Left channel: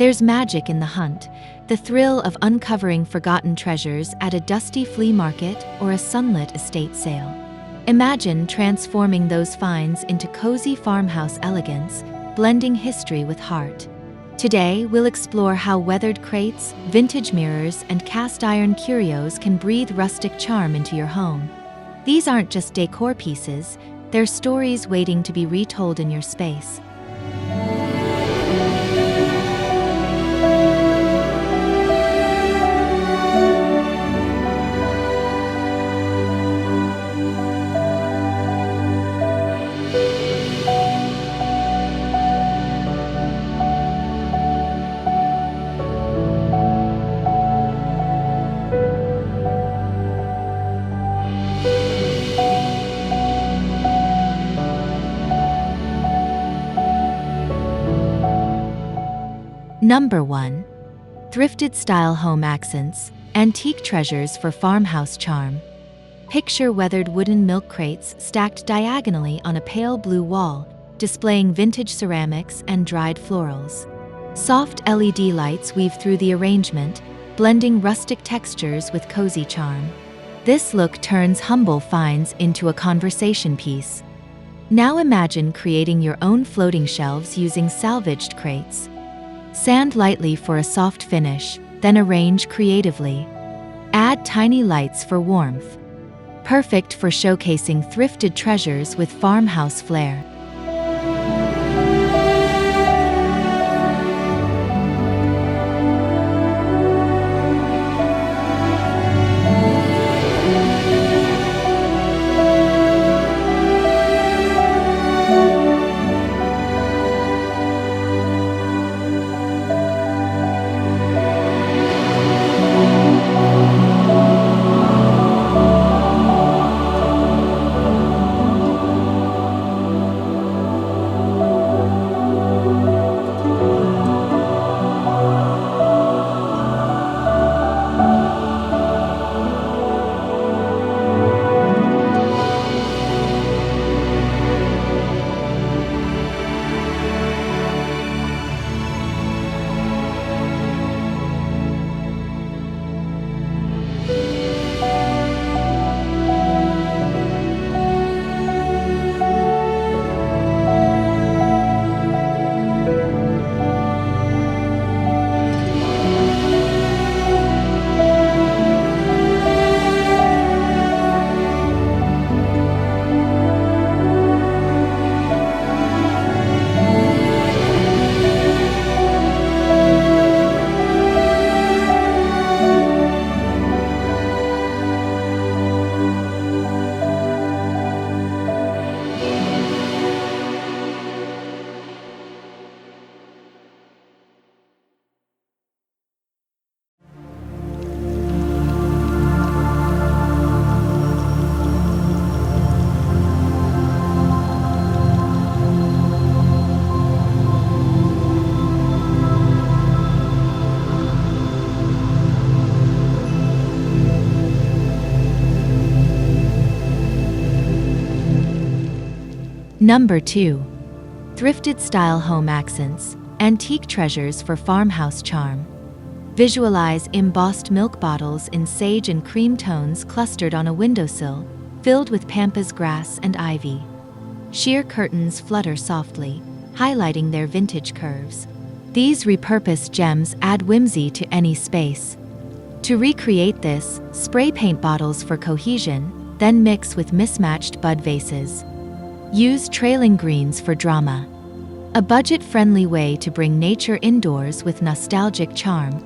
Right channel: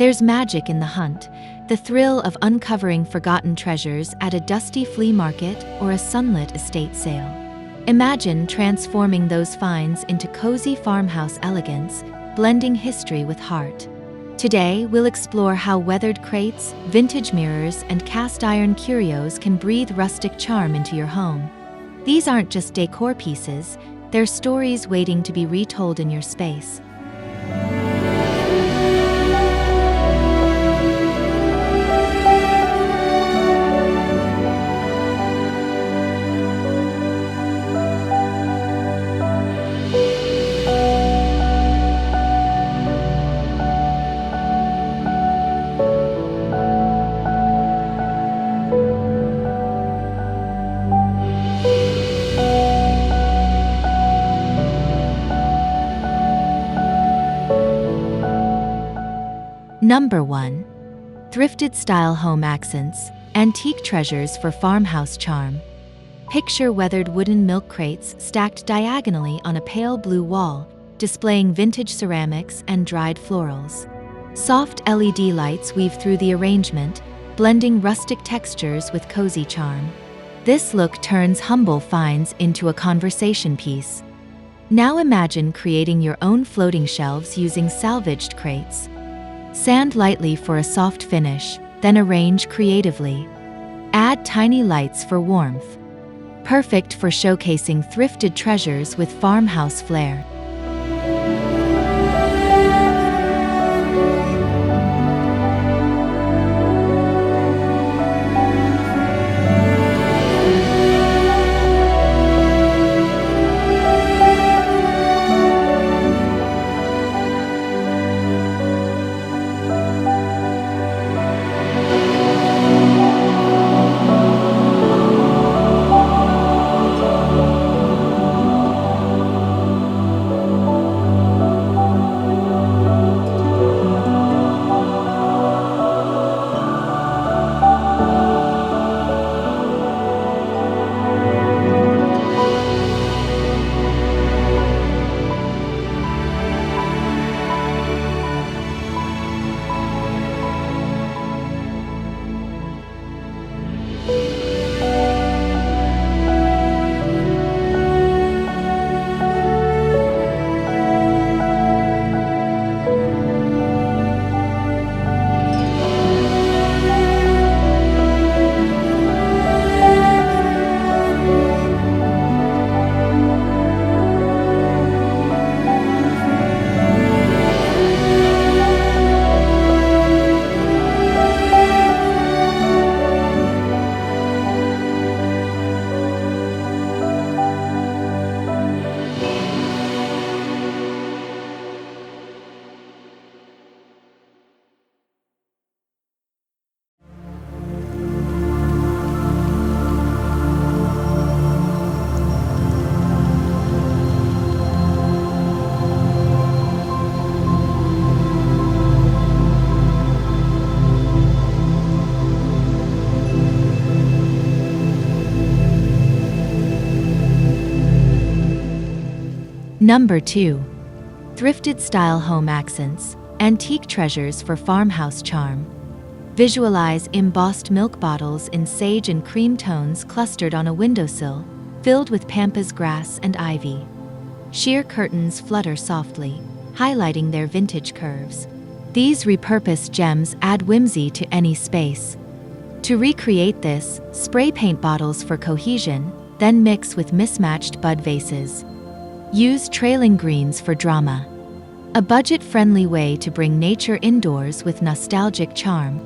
There's magic in the hunt, the thrill of uncovering forgotten treasures at a dusty flea market or a sunlit estate sale. Imagine transforming those finds into cozy farmhouse elegance, blending history with heart. Today, we'll explore how weathered crates, vintage mirrors, and cast-iron curios can breathe rustic charm into your home. These aren't just decor pieces, they're stories waiting to be retold in your space. Number 1. Thrifted Style Home Accents, Antique Treasures for Farmhouse Charm. Picture weathered wooden milk crates stacked diagonally on a pale blue wall, displaying vintage ceramics and dried florals. Soft LED lights weave through the arrangement, blending rustic textures with cozy charm. This look turns humble finds into a conversation piece. Now imagine creating your own floating shelves using salvaged crates. Sand lightly for a soft finish, then arrange creatively. Add tiny lights for warmth. Perfect for showcasing thrifted treasures with farmhouse flair. Number 2. Thrifted Style Home Accents, Antique Treasures for Farmhouse Charm. Visualize embossed milk bottles in sage and cream tones clustered on a windowsill, filled with pampas grass and ivy. Sheer curtains flutter softly, highlighting their vintage curves. These repurposed gems add whimsy to any space. To recreate this, spray paint bottles for cohesion, then mix with mismatched bud vases. Use trailing greens for drama. A budget-friendly way to bring nature indoors with nostalgic charm.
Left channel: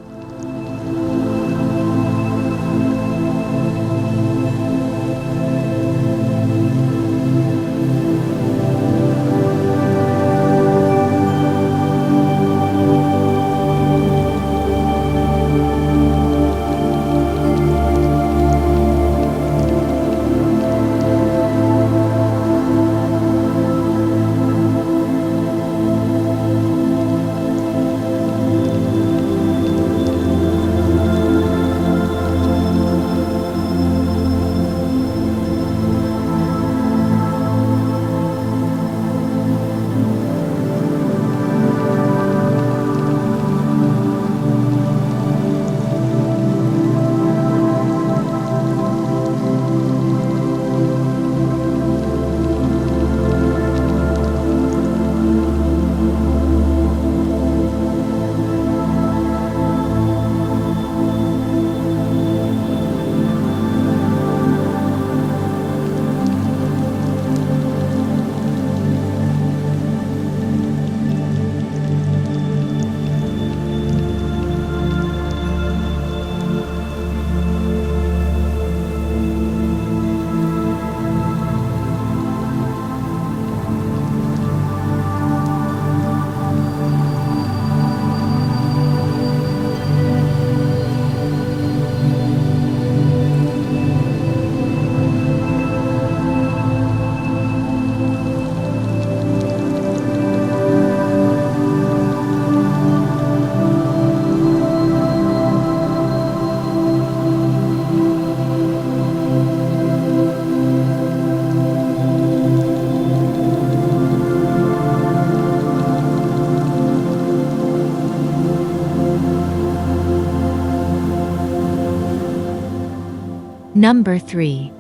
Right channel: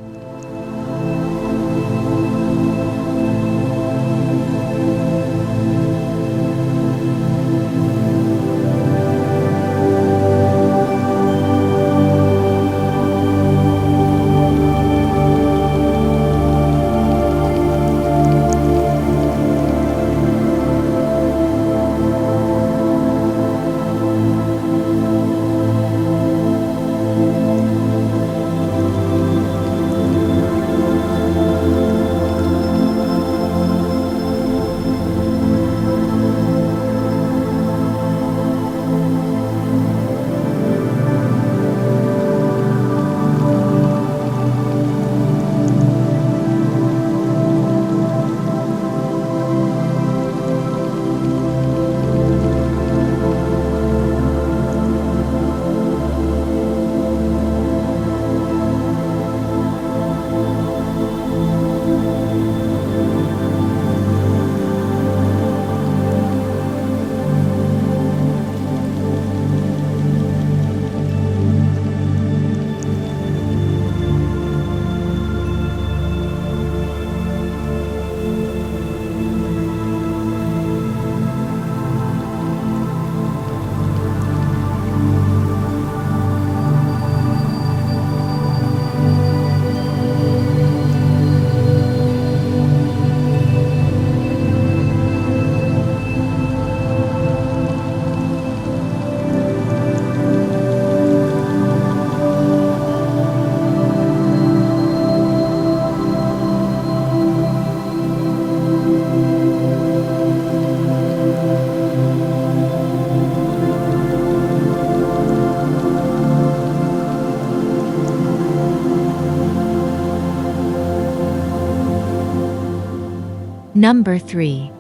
Number 3.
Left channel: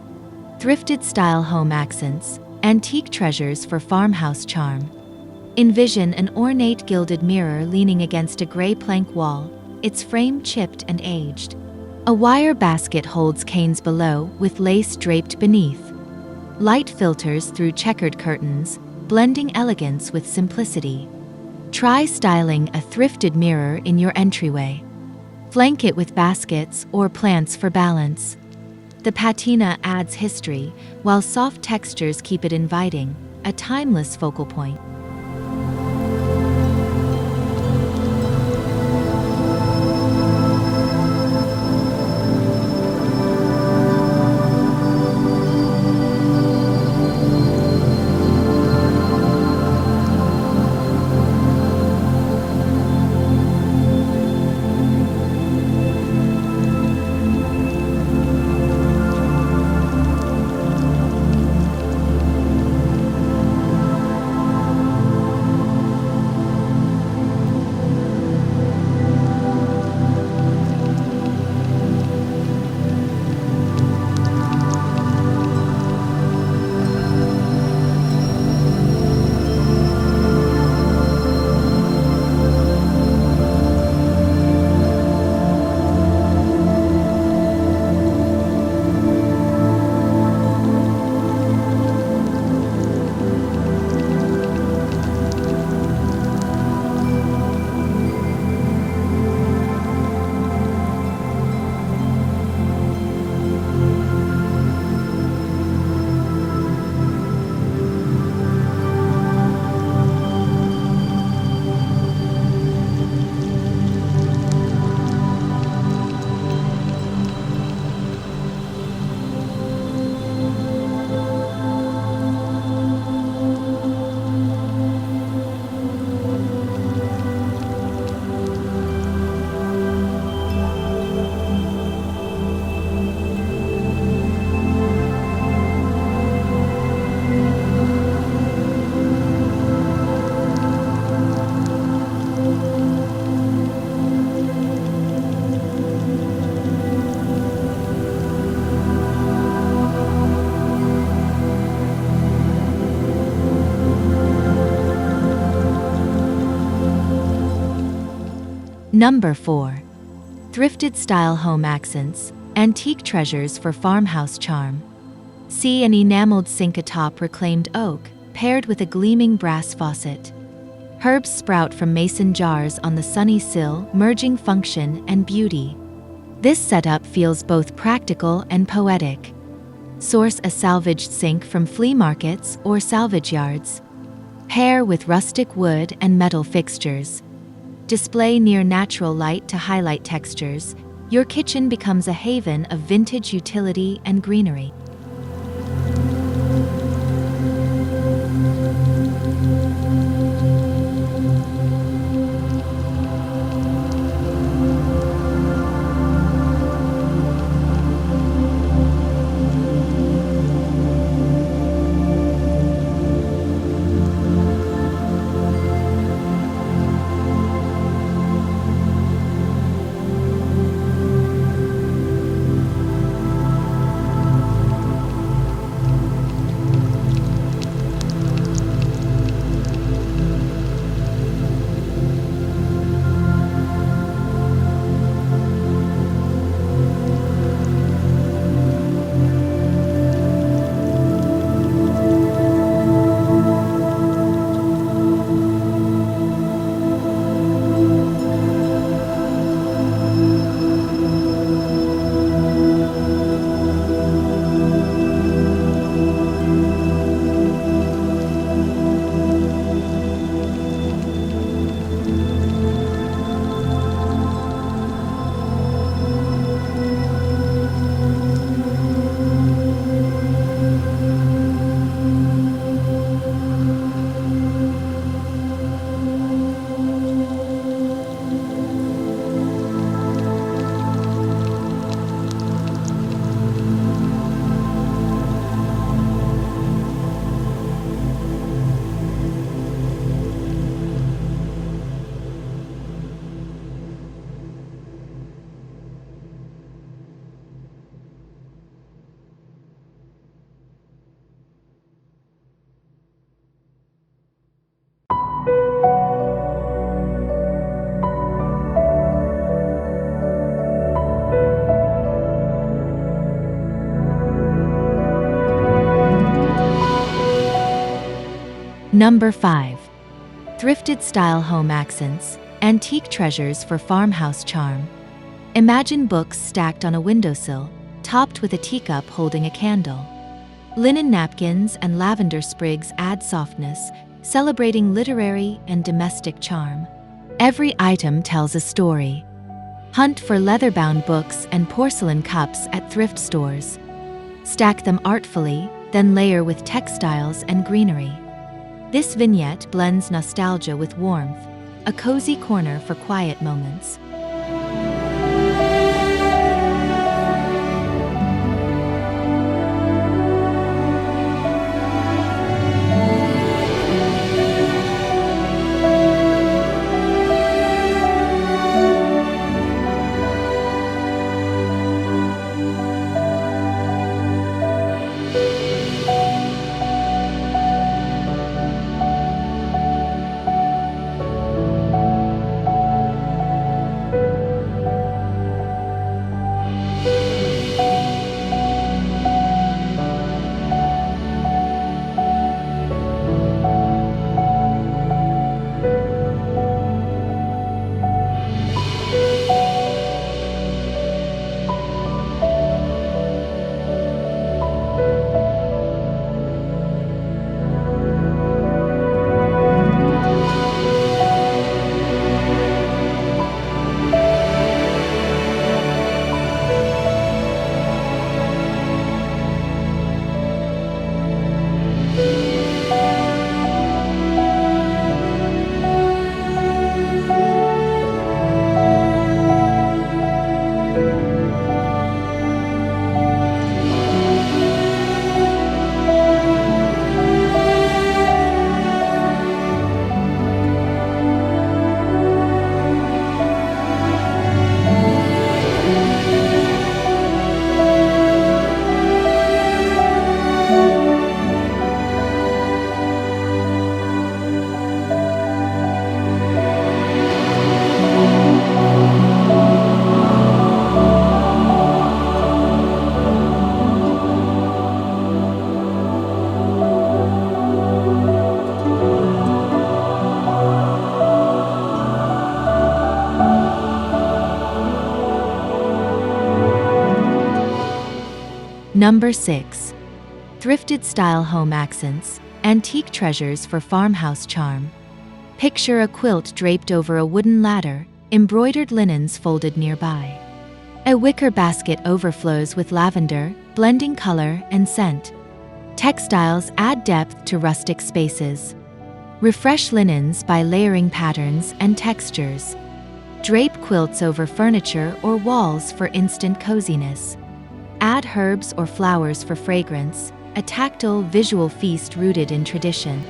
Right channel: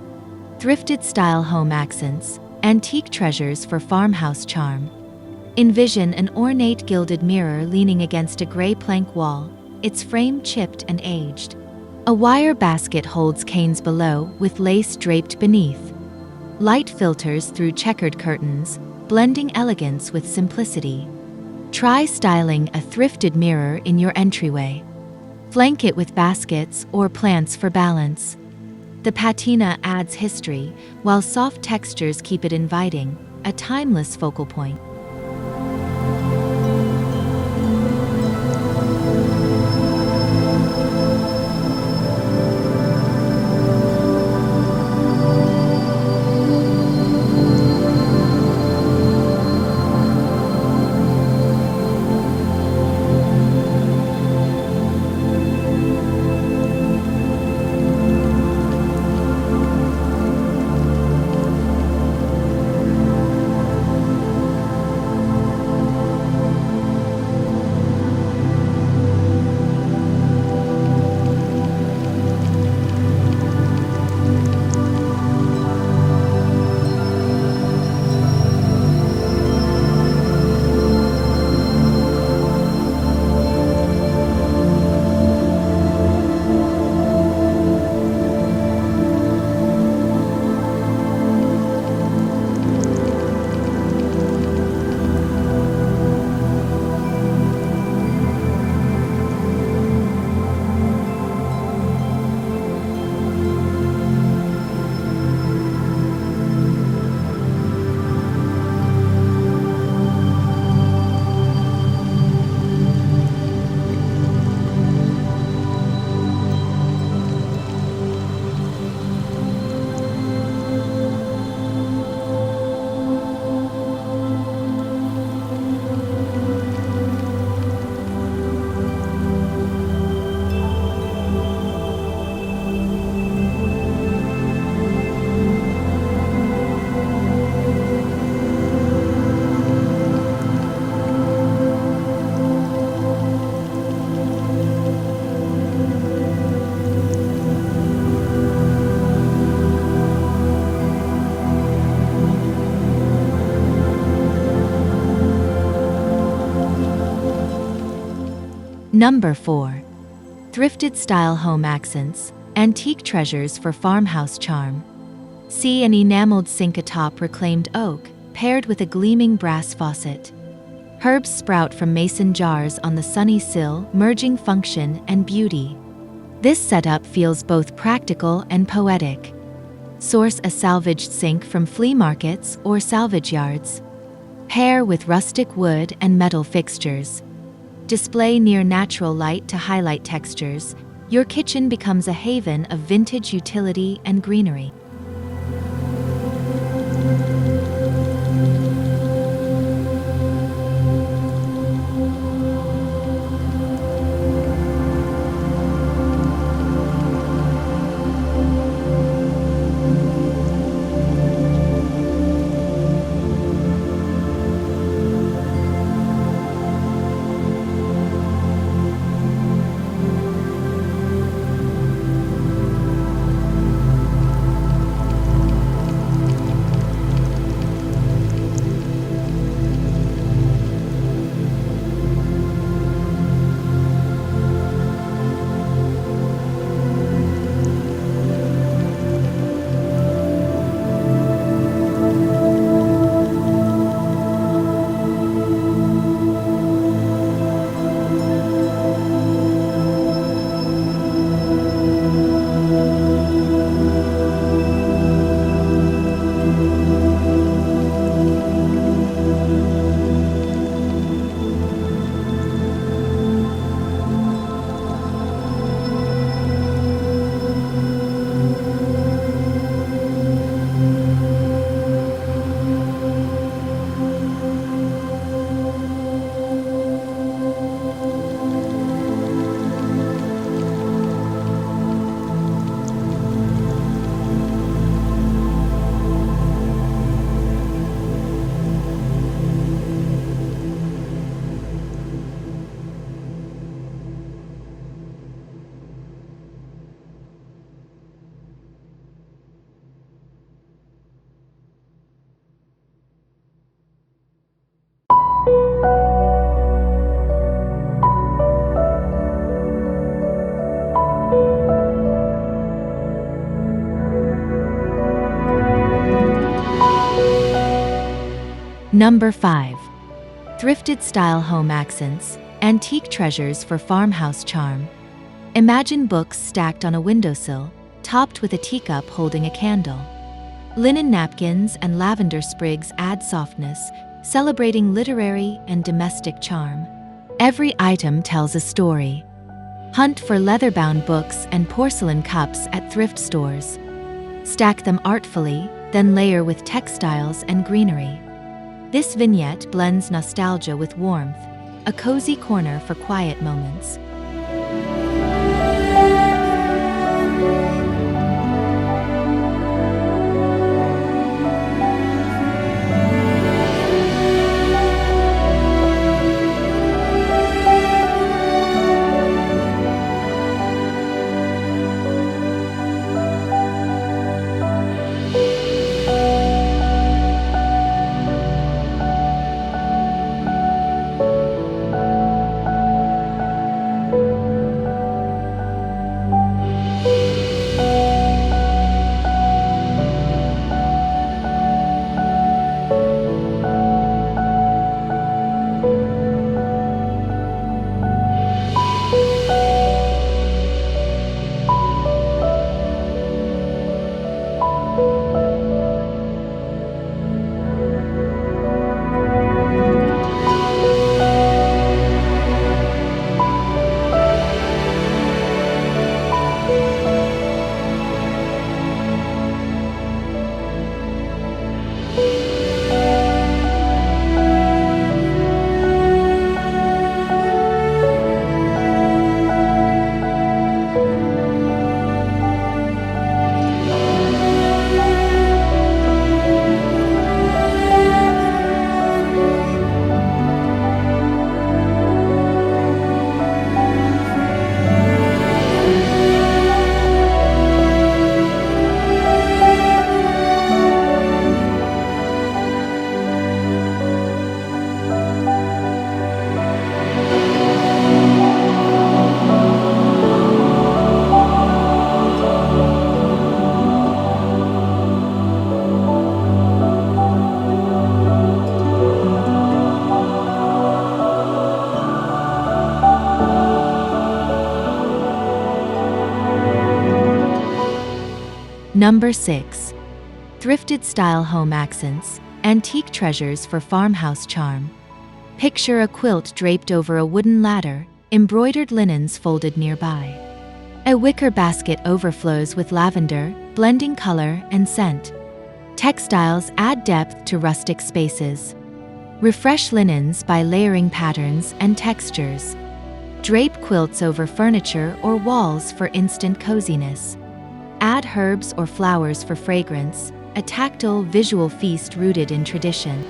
Thrifted Style Home Accents, Antique Treasures for Farmhouse Charm. Envision an ornate gilded mirror leaning against a gray plank wall, its frame chipped and aged. A wire basket holds canes below with lace draped beneath. Light filters through checkered curtains, blending elegance with simplicity. Try styling a thrifted mirror in your entryway. Flank it with baskets or plants for balance. The patina adds history, while soft textures keep it inviting, a timeless focal point. Number 4. Thrifted Style Home Accents, Antique Treasures for Farmhouse Charm. See an enameled sink atop reclaimed oak, paired with a gleaming brass faucet. Herbs sprout from mason jars on the sunny sill, merging function and beauty. This setup feels both practical and poetic. Source a salvaged sink from flea markets or salvage yards. Pair with rustic wood and metal fixtures. Display near natural light to highlight textures. Your kitchen becomes a haven of vintage utility and greenery. Number 5. Thrifted Style Home Accents, Antique Treasures for Farmhouse Charm. Imagine books stacked on a windowsill, topped with a teacup holding a candle. Linen napkins and lavender sprigs add softness, celebrating literary and domestic charm. Every item tells a story. Hunt for leather-bound books and porcelain cups at thrift stores. Stack them artfully, then layer with textiles and greenery. This vignette blends nostalgia with warmth, a cozy corner for quiet moments. Number 6. Thrifted Style Home Accents, Antique Treasures for Farmhouse Charm. Picture a quilt draped over a wooden ladder, embroidered linens folded nearby. A wicker basket overflows with lavender, blending color and scent. Textiles add depth to rustic spaces. Refresh linens by layering patterns and textures. Drape quilts over furniture or walls for instant coziness. Add herbs or flowers for fragrance, a tactile visual feast rooted in tradition.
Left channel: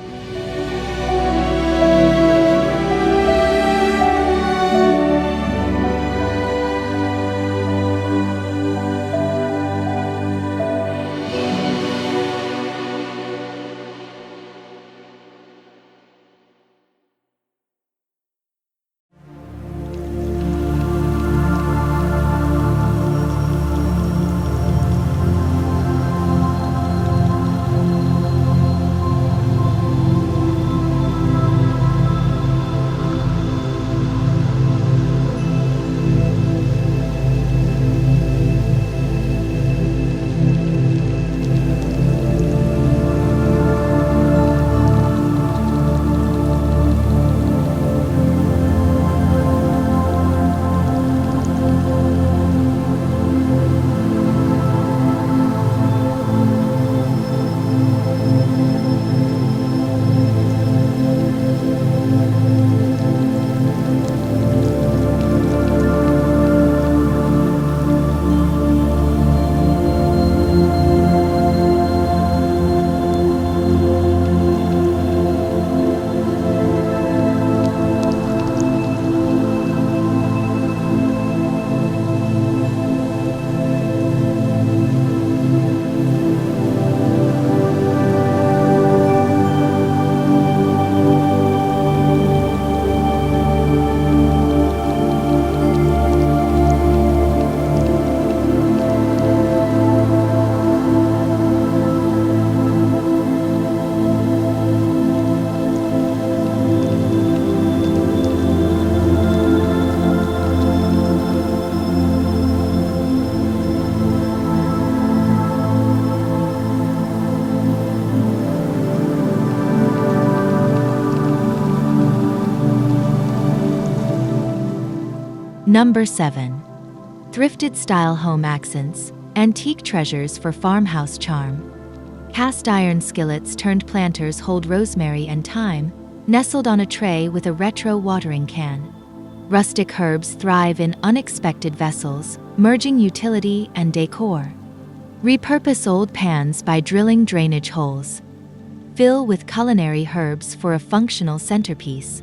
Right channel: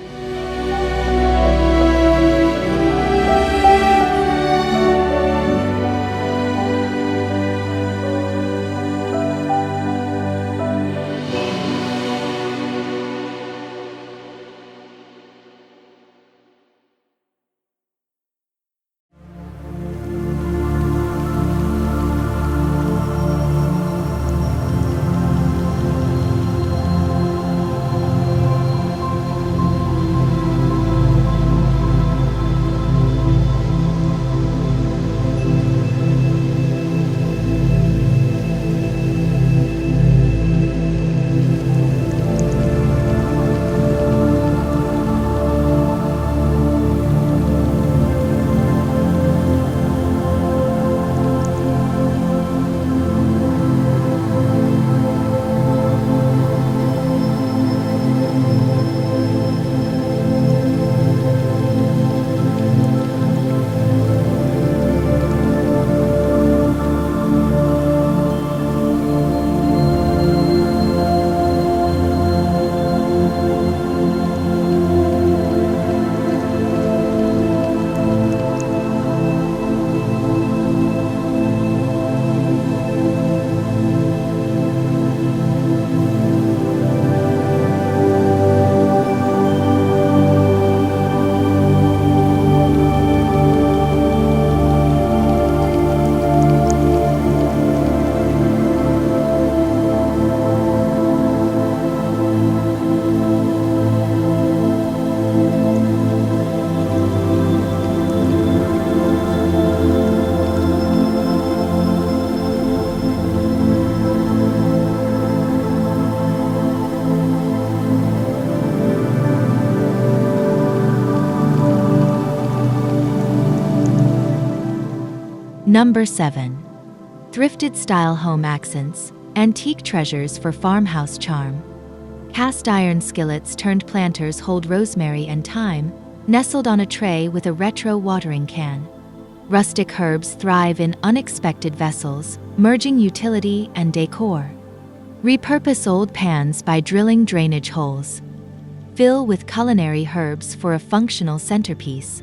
Number 7. Thrifted Style Home Accents, Antique Treasures for Farmhouse Charm. Cast iron skillets turned planters hold rosemary and thyme, nestled on a tray with a retro watering can. Rustic herbs thrive in unexpected vessels, merging utility and decor. Repurpose old pans by drilling drainage holes. Fill with culinary herbs for a functional centerpiece.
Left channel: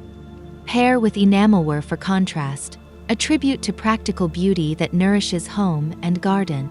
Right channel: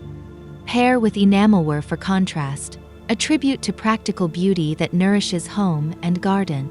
Pair with enamelware for contrast, a tribute to practical beauty that nourishes home and garden.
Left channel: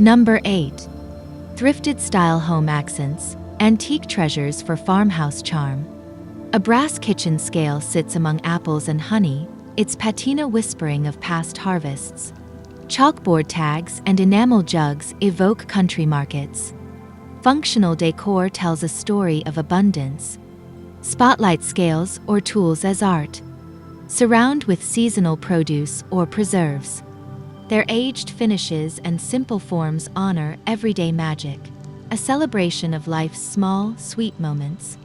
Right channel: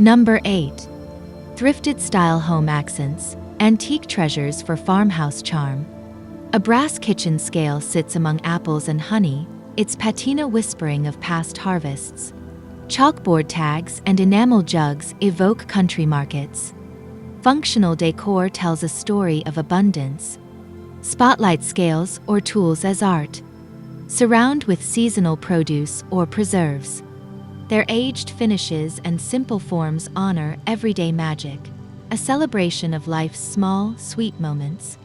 Number 8. Thrifted Style Home Accents, Antique Treasures for Farmhouse Charm. A brass kitchen scale sits among apples and honey, its patina whispering of past harvests. Chalkboard tags and enamel jugs evoke country markets. Functional decor tells a story of abundance. Spotlight scales or tools as art. Surround with seasonal produce or preserves. Their aged finishes and simple forms honor everyday magic, a celebration of life's small, sweet moments.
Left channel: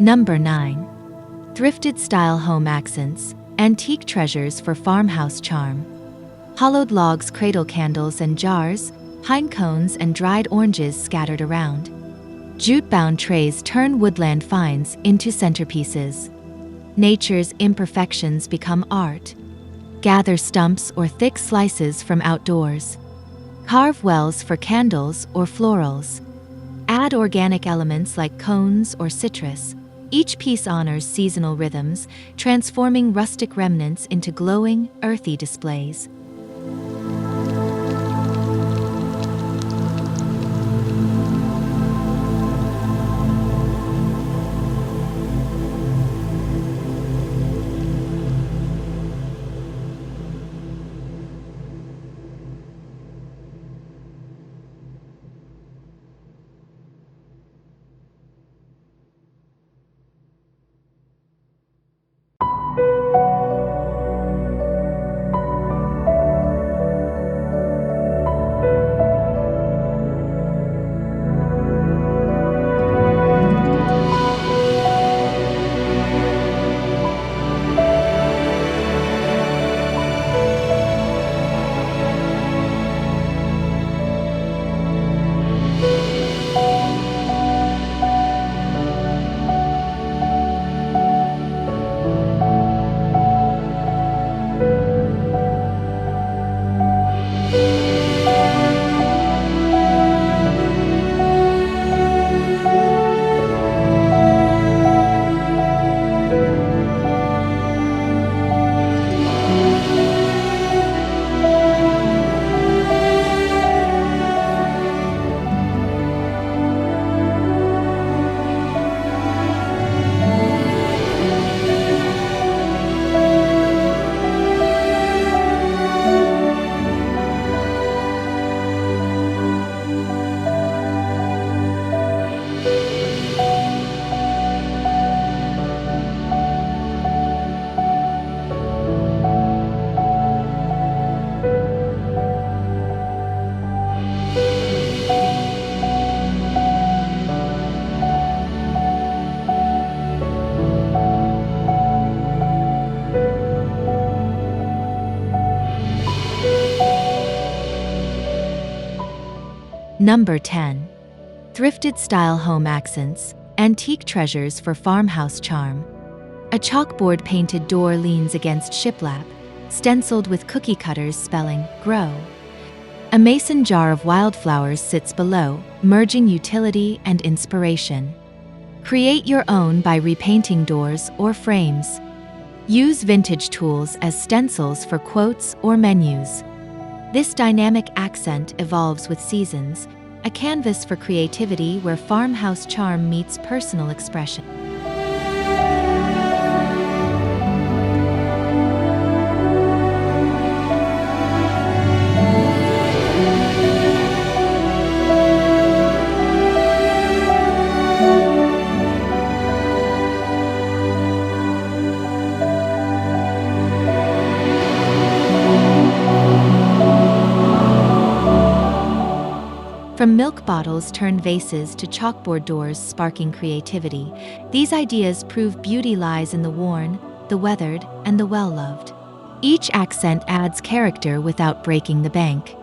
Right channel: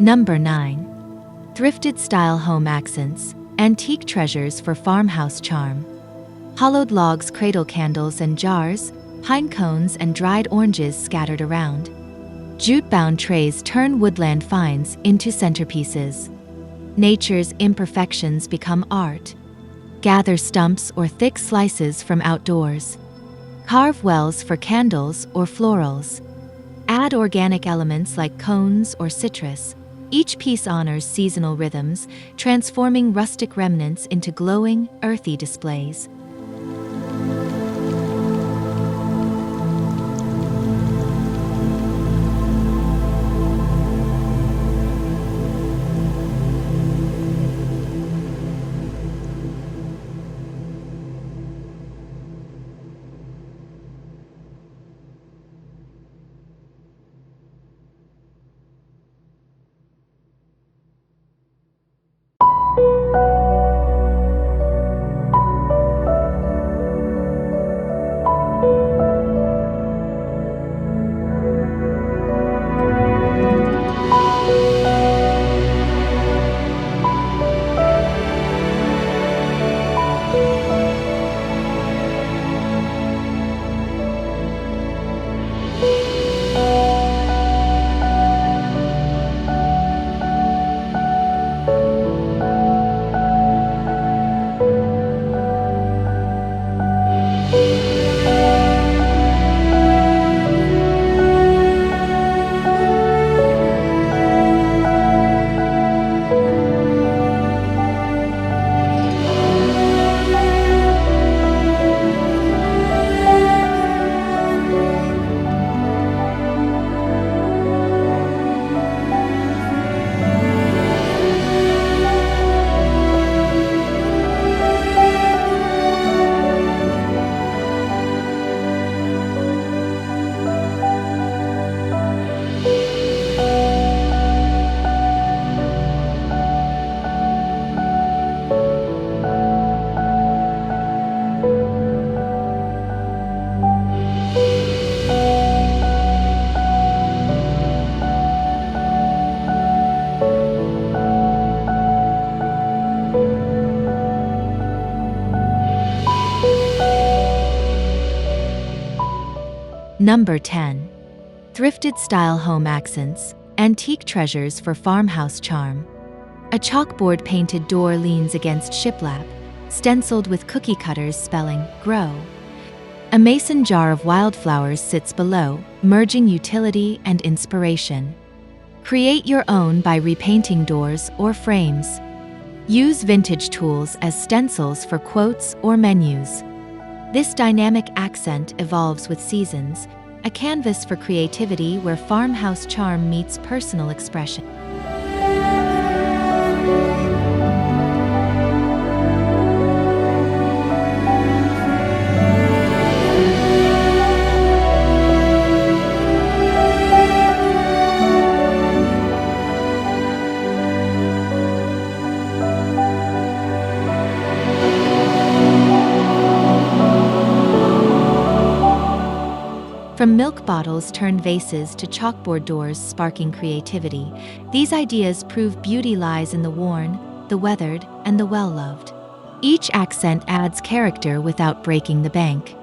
Number 9. Thrifted Style Home Accents, Antique Treasures for Farmhouse Charm. Hollowed logs cradle candles and jars, pine cones and dried oranges scattered around. Jute-bound trays turn woodland finds into centerpieces. Nature's imperfections become art. Gather stumps or thick slices from outdoors. Carve wells for candles or florals. Add organic elements like cones or citrus. Each piece honors seasonal rhythms, transforming rustic remnants into glowing, earthy displays. Number 10. Thrifted Style Home Accents, Antique Treasures for Farmhouse Charm. A chalkboard-painted door leans against shiplap, stenciled with cookie cutters spelling "Grow." A mason jar of wildflowers sits below, merging utility and inspiration. Create your own by repainting doors or frames. Use vintage tools as stencils for quotes or menus. This dynamic accent evolves with seasons, a canvas for creativity where farmhouse charm meets personal expression. From milk bottles turned vases to chalkboard doors sparking creativity, these ideas prove beauty lies in the worn, the weathered, and the well-loved. Each accent adds character without breaking the bank.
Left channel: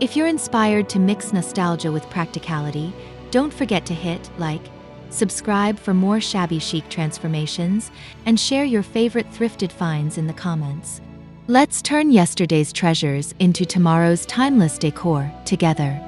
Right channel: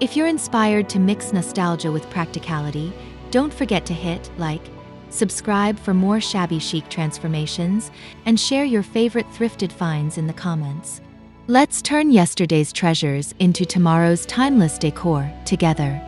If you're inspired to mix nostalgia with practicality, don't forget to hit like, subscribe for more shabby chic transformations, and share your favorite thrifted finds in the comments. Let's turn yesterday's treasures into tomorrow's timeless decor together.